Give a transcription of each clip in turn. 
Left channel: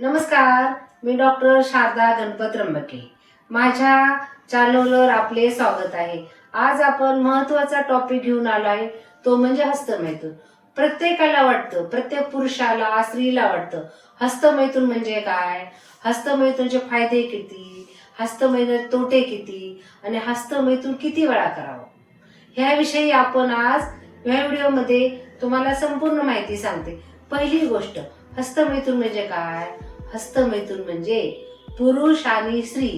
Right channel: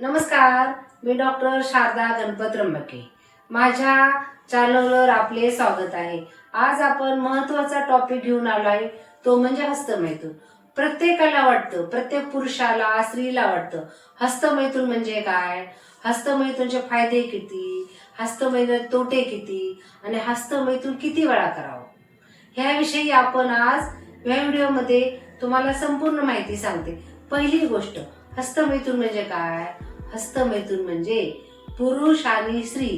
नमस्कार, मी डॉक्टर शारदा गणपत त्र्यंबके. माझ्या चॅनलवर आपले स्वागत आहे. आज आपण महत्त्वाचा टॉपिक घेऊन आलो आहे, तो म्हणजे हस्तमैथुन. प्रत्येकाला वाटतं, प्रत्येक पुरुषाला स्त्रीला वाटतं हस्तमैथुन म्हणजे काय, हस्तमैथुनचे फायदे किती, हस्तमैथुन तोटे किती आणि हस्तमैथुन किती वेळा करावं, ह्याविषयी आपण आज या व्हिडिओमध्ये तुम्हाला संपूर्ण माहिती सांगते. पहिली गोष्ट, हस्तमैथुन म्हणजे काय. हस्तमैथुन म्हणजे पुरुष आणि स्त्री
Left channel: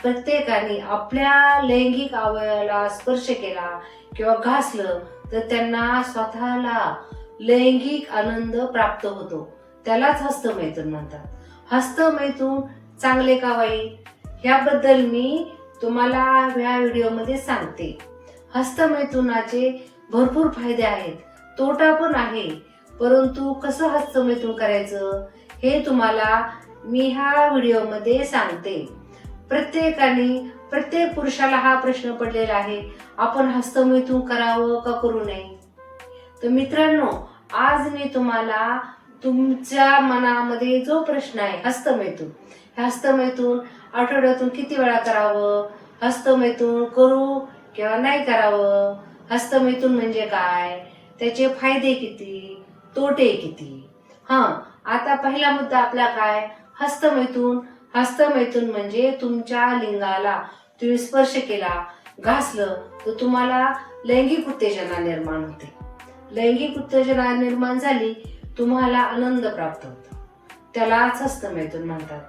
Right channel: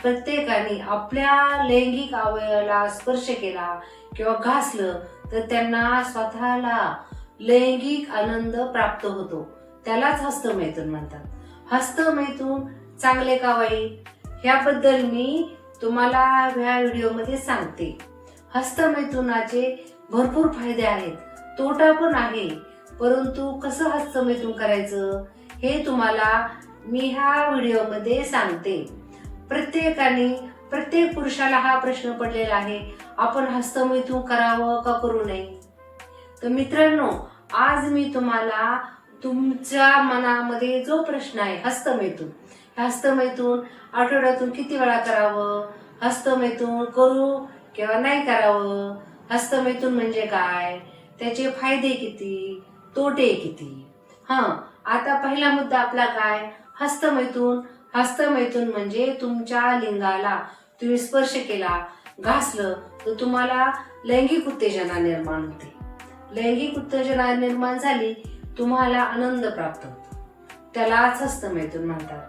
प्रत्येकाने आपल्या लैंगिक अवयवाला स्पर्श केला किंवा घासलं तर त्यांना स्वतःला लैंगिक आनंद प्राप्त होतो, त्यालाच हस्तमैथुन म्हणतात. हस्तमैथुन चांगले का वाईट याबद्दल मी तुम्हाला या व्हिडिओमध्ये सांगते. हस्तमैथुनाचे भरपूर फायदे आहेत, तोटा पण आहे, परंतु कसं हस्तमैथुन करायचं हे तुम्हाला मी ह्या व्हिडिओमध्ये सांगते. प्रत्येक पुरुषाला हा प्रश्न पडलेला आहे, आपण हस्तमैथुन करावं का करू नये. तर मित्रांनो, आज मी तुम्हाला तुमच्या मनामध्ये जो प्रश्न आहे हस्तमैथुन आठवड्यातून किती वेळा करावं, हस्तमैथुन करू किंवा नाही करावं, हस्तमैथुन म्हणजे काय, त्याचे फायदे किती, तोटे किती. आता पहिला मुद्दा आपला काय, हस्तमैथुन म्हणजे तुमच्या लिंगाला तुम्ही स्पर्श केला, घासलं तर तुम्हाला लैंगिक उत्तेजना निर्माण होते. लैंगिक उत्तेजना निर्माण झाली, तुम्हाला आनंद प्राप्त होतो, त्यालाच हस्तमैथुन म्हणतात.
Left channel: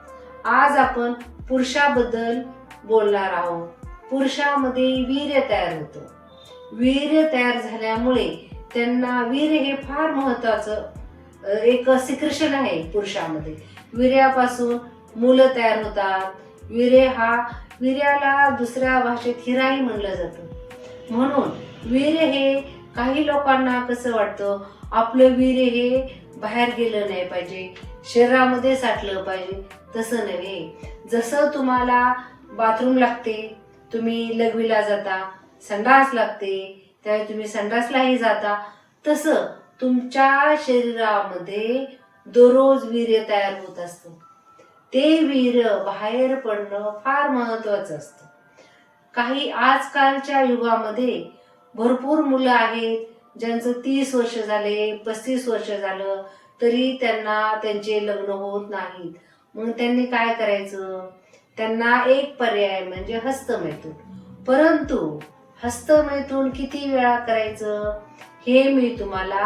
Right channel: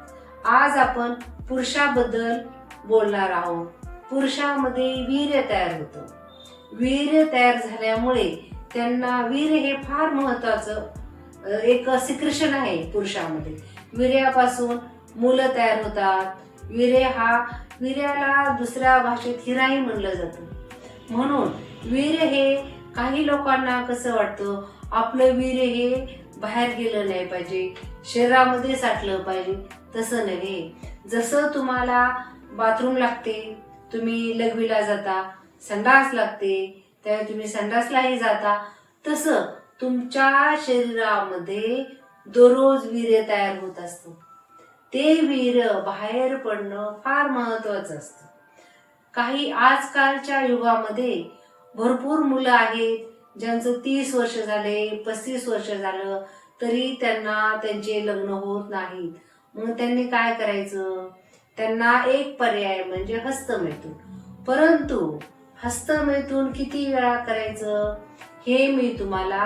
आज आपण पुरुषाबद्दल बोलणार आहोत. पुरुषामध्ये वीर्य तयार होतं. वीर्य तयार झाल्यामुळे त्यांना वीर्य हे फार महत्वाचं एक सिक्रेशन आहे. पुरुषामध्ये वीर्यापासून मुलं तयार होतात. वीर्याला दुसऱ्या भाषेत हिराही म्हणलं जातं. म्हणून वीर्य हे काही लोकांना कसं वाटतं, आपलं वीर्य हे बाहेर गेलं नाही पाहिजे, शरीरामध्ये साठलं पाहिजे. तसं नव्हे. जसं तुम्हाला बाथरूम लागते, तुम्ही लघवीला जाता, संडास लागते त्यावेळी तुम्ही संडासलाही जाता, तसं तुमच्या शरीरामध्ये दररोज वीर्य तयार होत असतं. ते वीर्य बाहेर पडणं फार महत्वाचं असतं. काही आजकालच्या युगामध्ये भरपूर मुलं आहेत ज्यांचं 30 वर्ष झाले, 35 वर्ष झालं तरी त्यांना त्यांचे लग्न होत नाहीत. मग त्यांनी काय करायचं, त्यांना एक पर्याय म्हणजे हस्तमैथुन. परंतु हस्तमैथुन किती वेळा करायचं हे मी तुम्हाला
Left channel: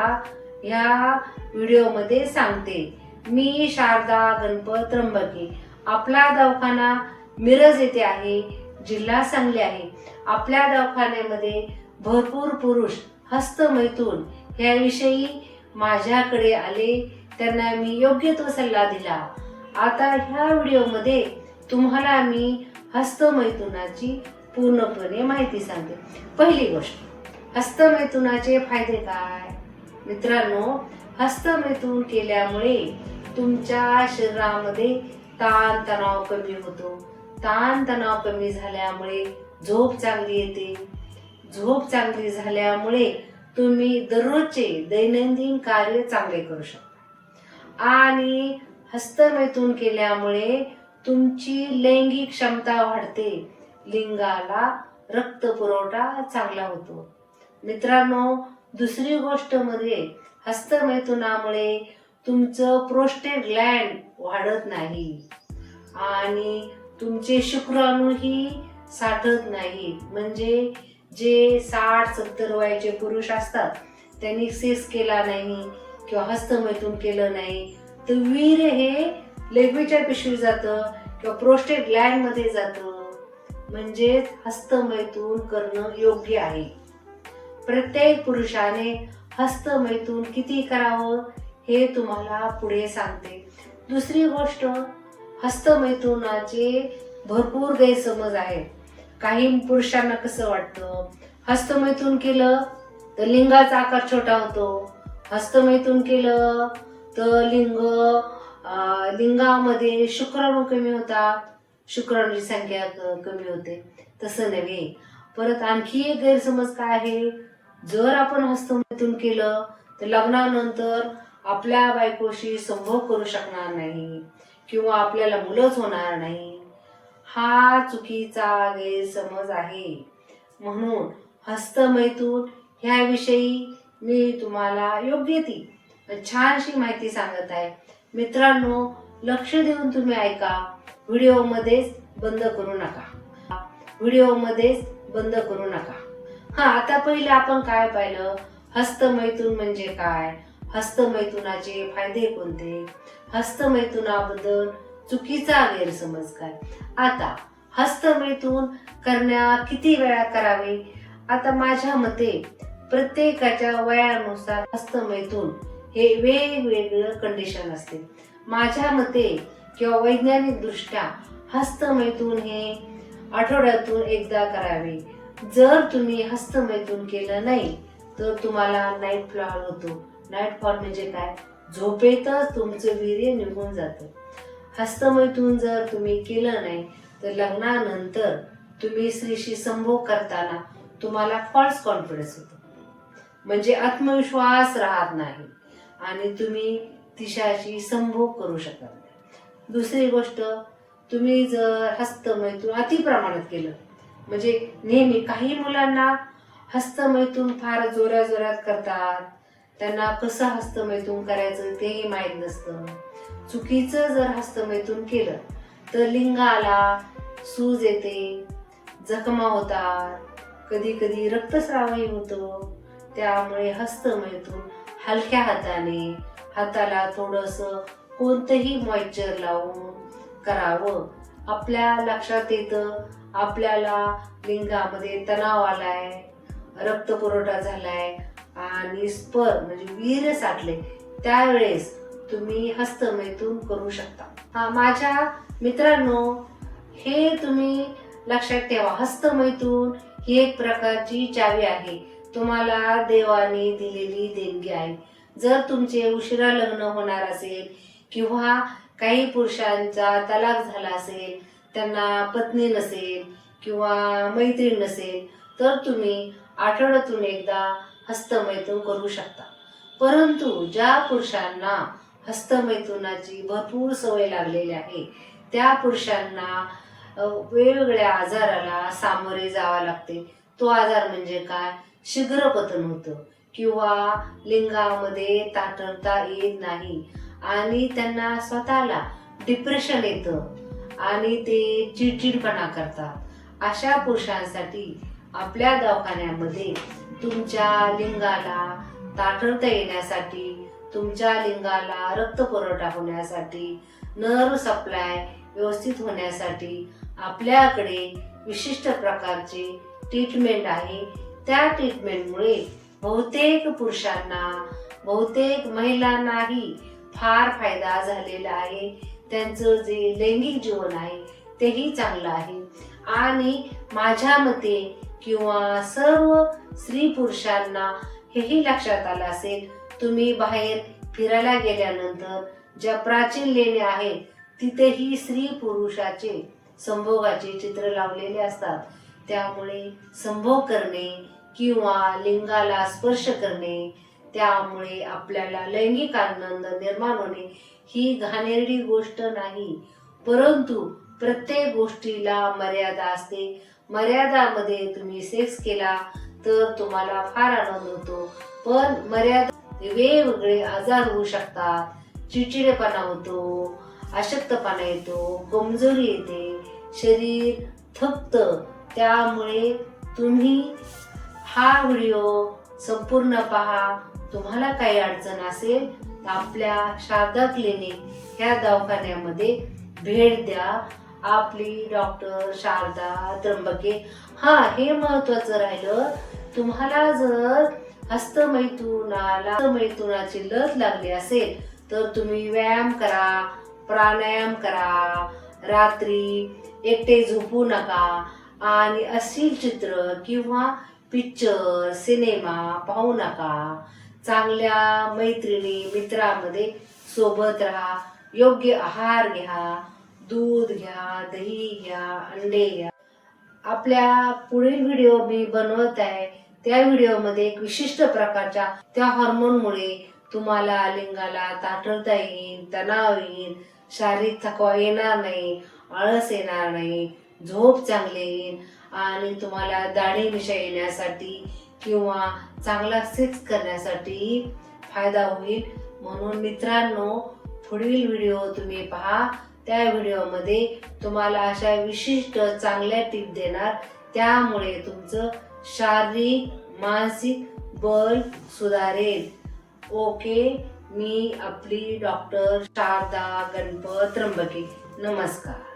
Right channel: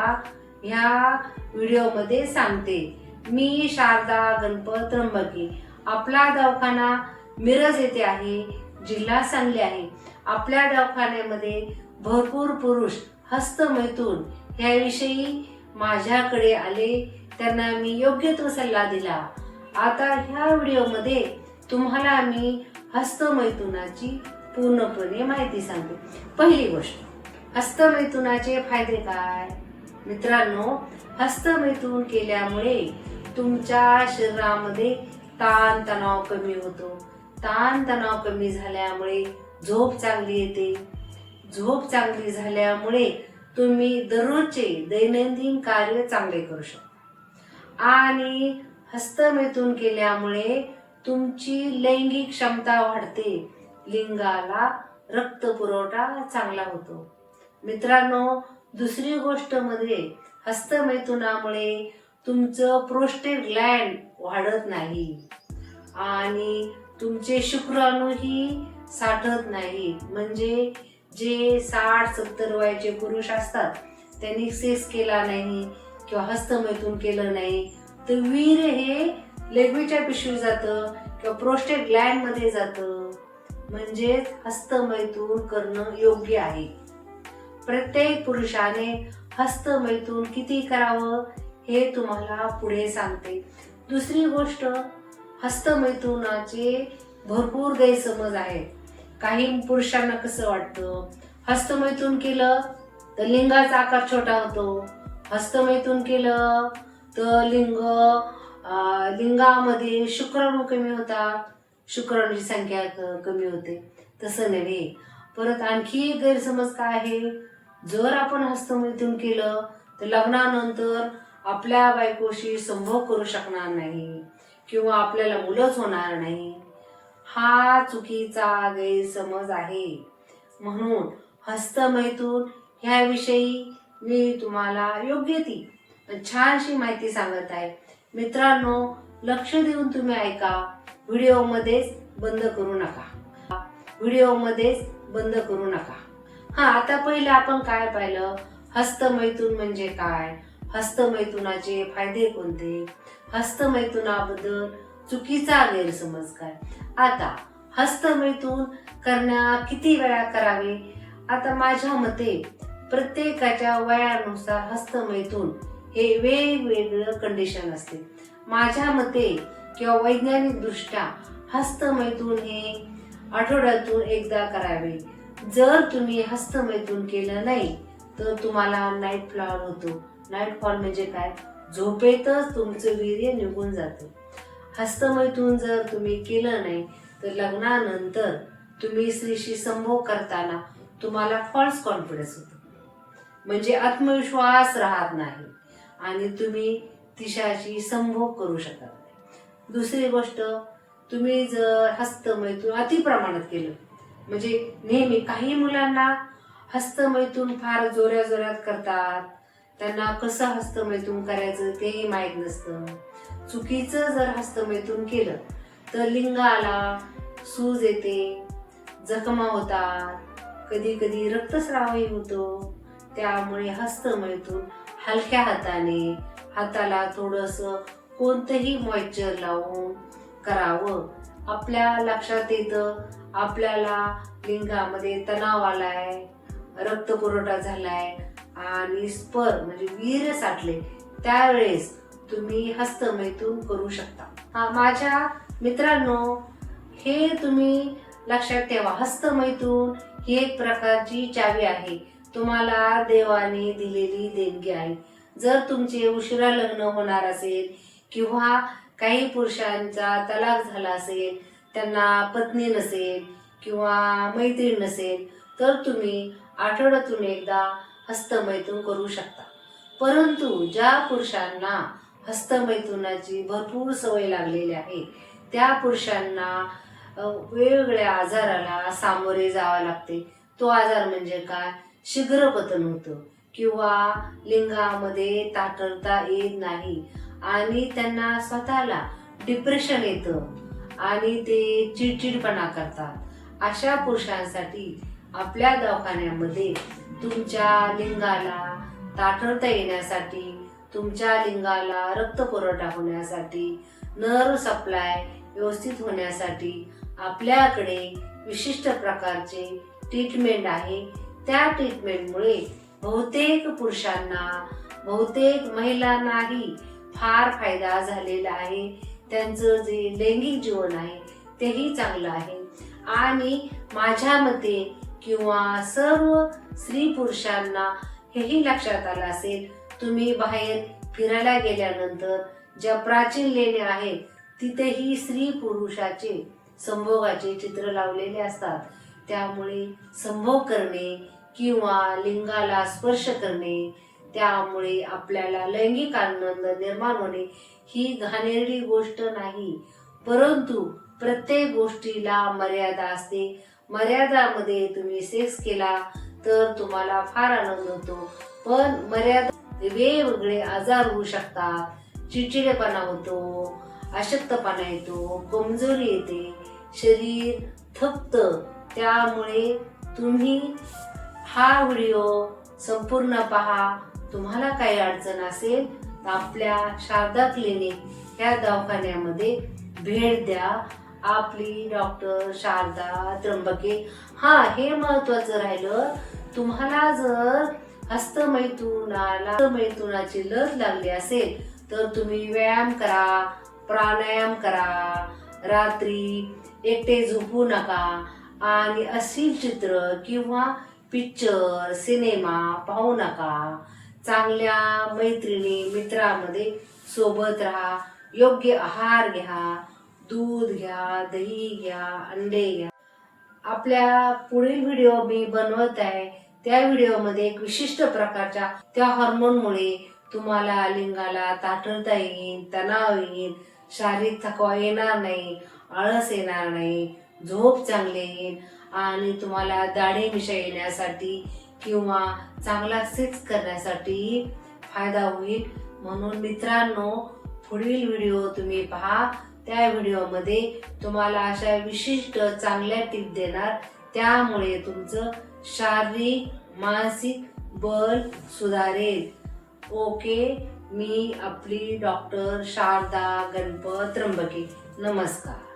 ह्या व्हिडिओमध्ये सांगते. मी शारदा गणपत त्र्यंबके. आपला दवाखाना मिरज येथे आहे, जिल्हा सांगली आहे. आपल्या दवाखान्यामध्ये भरपूर पुरुष हस्तमैथुन ह्याविषयी माझ्याकडे आले, त्यांना मी योग्य तो सल्ला दिला. आता ह्या व्हिडिओमध्ये तुम्हाला मी हस्तमैथुनाची पूर्णपणे माहिती सांगते. पहिली गोष्ट, हस्तमैथुनाचे फायदे काय. मित्रांनो, हस्तमैथुन केल्यामुळे तुमच्या शरीरामध्ये ताणतणाव कमी होतो. ताणतणाव कमी झाल्यामुळे झोप चांगली येते. झोप चांगली झाल्यामुळे तुम्ही दररोजचे दैनंदिन कार्य चांगले करू शकता. आणि हस्तमैथुन केल्यामुळे तुमची लैंगिक क्षमता वाढते, लिंगाला रक्त पुरवठा चांगला होतो. मित्रांनो, दुसरी गोष्ट म्हणजे हस्तमैथुनामुळे तुमचं प्रोस्टेट ग्लँड वाढत नाही आणि तुमचे शुक्राणूही साठत नाहीत. म्हणजे जे 60-70 वयाचे पुरुष असतात, त्यांनी सेक्स केला नाही किंवा हस्तमैथुन केलं नाही तर वीर्य हे लघवीच्या पिशवीत जातं किंवा प्रोस्टेट ग्लँड मध्ये जातं. म्हणजे हस्तमैथुन करणं योग्य आहे. प्रत्येक पुरुषाने हस्तमैथुन किती करावं हे तुम्हाला पुढे सांगते. दुसरी गोष्ट, हस्तमैथुनाचे भरपूर गैरसमज आहेत. काही पुरुषांना कसं वाटतं, हस्तमैथुन केलं तर लिंगाचा आकार छोटा होतो, हस्तमैथुन केलं तर लिंगामध्ये शुक्राणू कमी होतात, शुक्राणूची संख्या कमी होते. तसं नव्हे. परत आणखी एक गैरसमज काय आहे, जर आपण हस्तमैथुन केलं तर लग्नानंतर आपल्या बायकोशी संभोग करू शकणार नाही किंवा आपल्याला मुलंच होणार नाही, हा चुकीचा गैरसमज आहे. म्हणून हस्तमैथून ह्याविषयी मी तुम्हाला योग्य ती छानशी माहिती सांगत आहे. मित्रांनो, लक्ष देऊन तुम्ही ऐका. व्हिडिओमध्येच बंद करू नका. व्हिडिओमध्येच बंद करू नका. आता पहिले आपण काय पाहिलं, हस्तमैथून म्हणजे काय, हस्तमैथुनाचे फायदे कोणते, हस्तमैथुनाबद्दल चुकीचा गैरसमज काय. आता हस्तमैथून करण्या किती वेळा करावे. आता माझ्या मते प्रत्येकाच्या वयानुसार हस्तमैथून हे वेगवेगळं कंडिशन असते. माझ्या मते किंवा वैज्ञानिक दृष्ट्या हस्तमैथून हे आठवड्यातून एकदा करावे. जर तुम्ही हस्तमैथून केलं नाही तर तुम्हाला नाईट फॉल होतो. नाईट फॉल म्हणजे काय, झोपेतच तुमचं वीर्य निघून जातं. हस्तमैथून जर तुम्ही केलं नाही तर लग्नानंतर तुम्ही स्त्रीशी संभोग करताना तुम्हाला फॉल्स कॉन्फिडन्स होतो, म्हणजे आत्मविश्वास राहत नाही आणि तुम्ही तिच्याशी संभोग करू शकत नाही. दुसरी गोष्ट, तुम्ही जर हस्तमैथून अति प्रमाणात केलं, म्हणजे नेहमी काही मुलांना हस्तमैथून फार जोरात करतात, त्यांना कसं हस्तमैथून करायचं तेही माहीत नसतं. चुकीचं जर हस्तमैथून केलं तर लिंगाला सूज येते, जखमा होतात, कधी कधी रक्तस्रावही होतो. त्यामुळे हस्तमैथून हलक्या हाताने, हाताला थोडंसं कोणतंही मॉइश्चर लावून करावं. आपल्या लक्षात येतं आपल्याला लिंगामध्ये तणाव आलाय, रक्तपुरवठा झालाय आणि स्पर्म म्हणजे वीर्य साठले, त्यावेळेस तुम्ही हस्तमैथून करू शकता. माझ्या मित्रांनो, हे तुम्ही लक्षात ठेवा, हस्तमैथून ही एक प्रकारची चावी आहे, तुम्हाला देवाने दिलेली देणगी आहे. जर तुमचे उशिरा लग्न होणार असेल किंवा काही पुरुषांचा तलाक झाला असेल, त्यांना पत्नी नसेल किंवा मैत्रीण नसेल, तर तुम्ही आठवड्यातून एकदा हस्तमैथून करू शकता. परंतु ज्या पुरुषांना हस्तमैथुनाची भरपूर सवय लागलेली आहे, त्या पुरुषांना वेगवेगळ्या आजाराला सामोरे जावे लागते. तो आजार म्हणजे काय, शीघ्रपतन होतं किंवा लिंगामध्ये ताठरता येत नाही आणि त्यांना स्वतःला डिप्रेशन येतं आणि ते चिडचिडपणा करतात. अशा पुरुषांसाठी आपल्या दवाखान्यामध्ये तुमच्या लिंगाला ताठरता येण्यासाठी, तुमच्या लिंगाला रक्तपुरवठा होण्यासाठी, नर्व सप्लाय व्यवस्थित होण्यासाठी आपल्याकडे विशिष्ट प्रकारचे ट्रीटमेंट आहे. त्या ट्रीटमेंटमुळे बहुतेक पुरुषांना, बहुतेक महिलांनाही फार फायदा झालेला आहे. त्यांचं जे लैंगिक जीवन आहे तेही चांगलं आहे. आणि माझ्या मते किंवा सर्व स्त्री पुरुषांना हेही लक्षात आलं असेल, तुम्ही बाहेर फिरायला गेल्यानंतर ज्या प्राचीन लेण्या आहेत तिथेही स्त्री पुरुषाचे संभोगाचे चित्र लावलेले असतात. त्यामुळे संभोग करणे किंवा लिंगाला स्पर्श करणे, त्यामुळे आपल्याला लैंगिक आनंद निर्माण होणे ही घाणेरडी गोष्ट नाही. परंतु प्रत्येक गोष्टीला मर्यादा असते. मर्यादामध्ये तुम्ही सेक्स केला तर तुम्हाला फार आनंद होतो, पण मर्यादा वेगवेगळे आजार होऊ शकतात. चिडचिडेपणा होतो, अशक्तपणा येतो, कमजोरी येते, शरीर थकतं. त्यामुळे तुम्ही हा व्हिडिओ संपूर्ण पहा. तुम्हाला काही अडचण असेल तर आपल्या शारदा क्लिनिक ह्या दवाखान्यामध्ये भेट द्या. आपली डॉक्टर शारदा त्र्यंबके. हे महत्वाचं राहिलं, तुम्हाला जर हस्तमैथुनाची लत लागली असेल तर तुम्ही व्यायाम करा, प्राणायाम करा, रात्री एकटे झोपू नका आणि अश्लील चित्र किंवा पिक्चर, सिनेमा पाहू नका. चांगल्या मैत्रिणी, मित्रामध्ये सोबत राहा, योग्य आहार घ्या, दूध घ्या, दही घ्या, अंडे घ्या. आपल्या पुढील व्हिडिओ मी बनवत आहे, त्या व्हिडिओमध्ये एक विशिष्ट प्रकारच्या त्या हार्मोनमुळे तुम्हाला लिंगाला ताठरता येईल, तणाव येईल, शारीरिक थकवा येणार नाही, आळस येणार नाही, झोप चांगली येईल आणि तुम्हाला दाढी मिशा येण्यासाठी किंवा चांगला सेक्स करण्यासाठी फायदा होईल. म्हणून मित्रांनो, पुढील व्हिडिओ तुम्ही पहा. त्या व्हिडिओमध्ये तुम्हाला अशा विशिष्ट चांगल्या टिप देणार, त्यामुळे तुमचं शारीरिक मानसिक बल सुधारेल. ओके, मी आपली डॉक्टर शारदा गणपत त्र्यंबके. नमस्कार.